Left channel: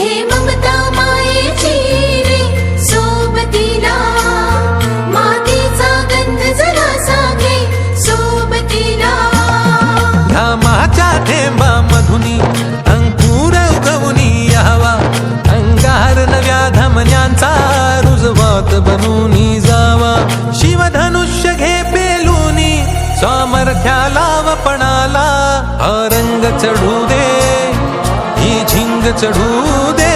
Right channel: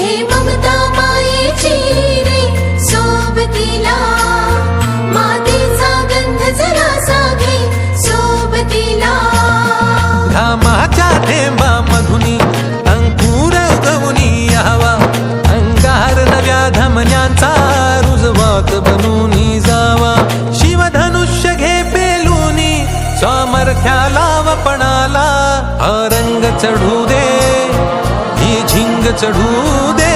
घे ममता मायेची रे सोबतीला. मातीचा गंध सोबतीला. घामाच्या थेंबा मधुनी अंकुर उगवनी यावा. अंगार नव्या धमन्यांचा रुजवात बनूनी जावा. शिवधनुष्य घे पेलूनी सामर्थ्याला वपणाला हा रंग चढू दे. रंग चढू दे.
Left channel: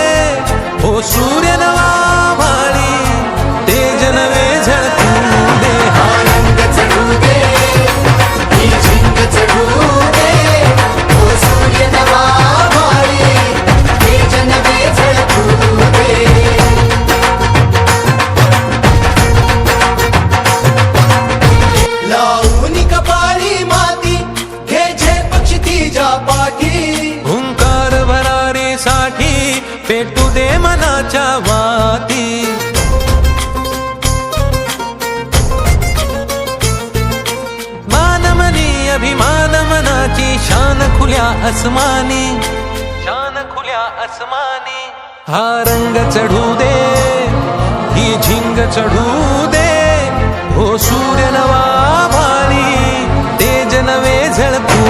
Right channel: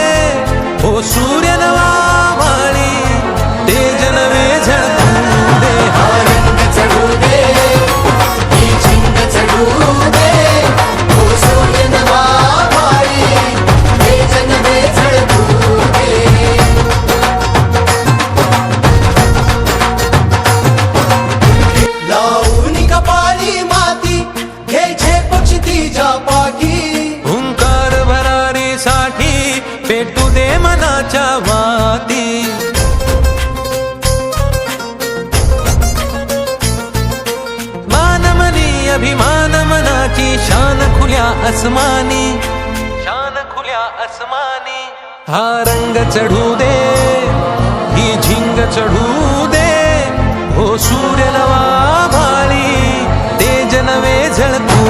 हो सूर्यनवा मनाच्या वाती. मानमनी अभिमान मनाची शान खुल्या अस्मानी शान खुल्या अस्मानी हा रंग चढू दे ही झिंग चढू दे. हो सूर्य नवा भाळी तेज नवे झळकू